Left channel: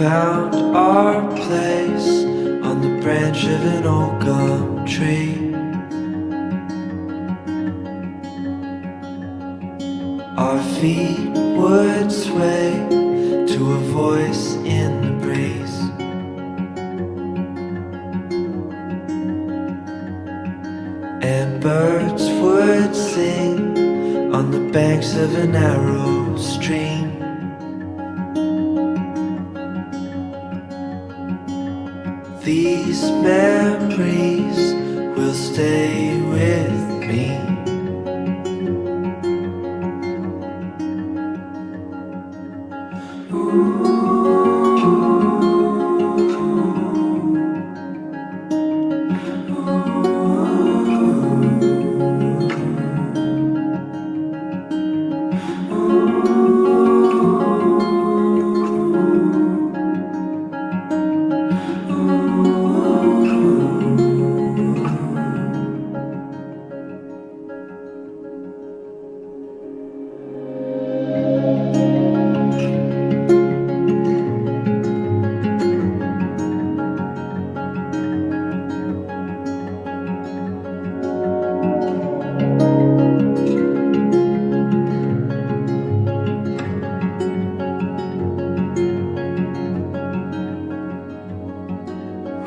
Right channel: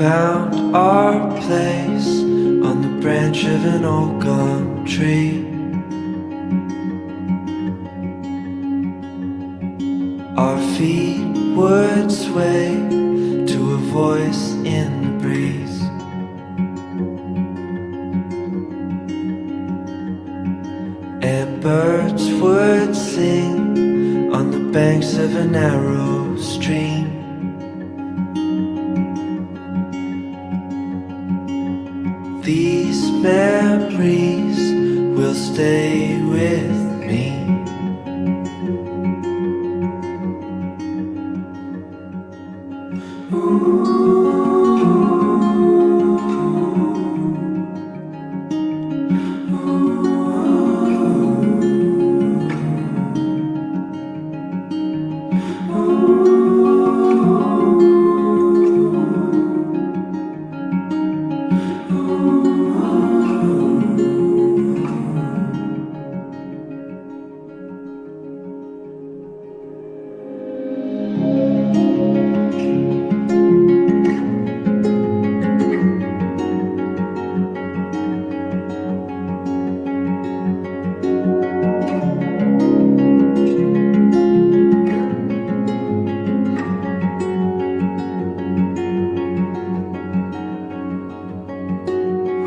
found our place on the branch of an old gum tree. Our feet would sway to a voice in the breeze. And birds would sing on the banks of a narrow stream. These memories will stay with me.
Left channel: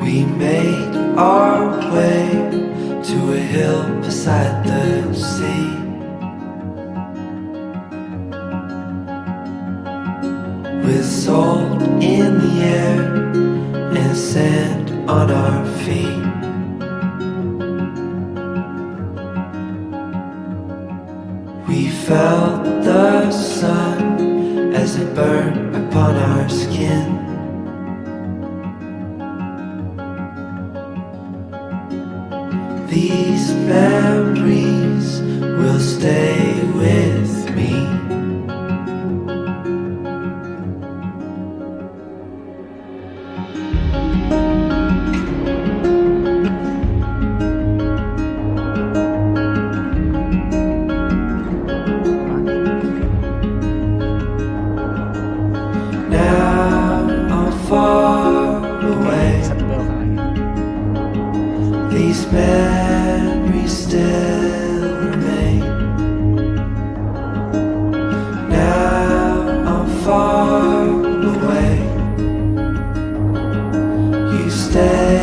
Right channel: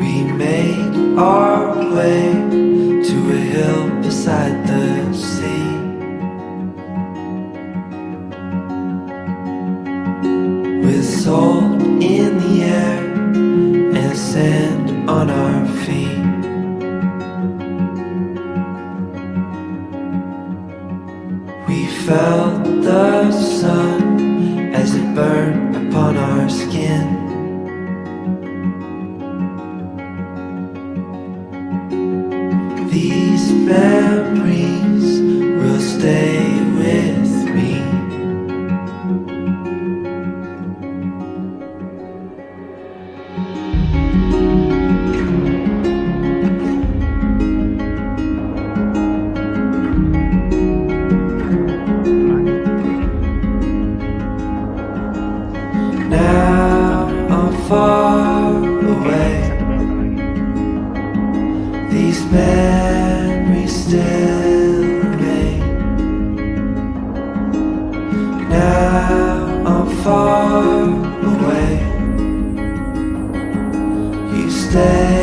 We made our way to a hill beside the sea. With salt in the air and sand on our feet. We felt the sun as it burned upon our skin. These memories will stay with me. Now I'm far away. These memories still remain. Now I'm far away. You stay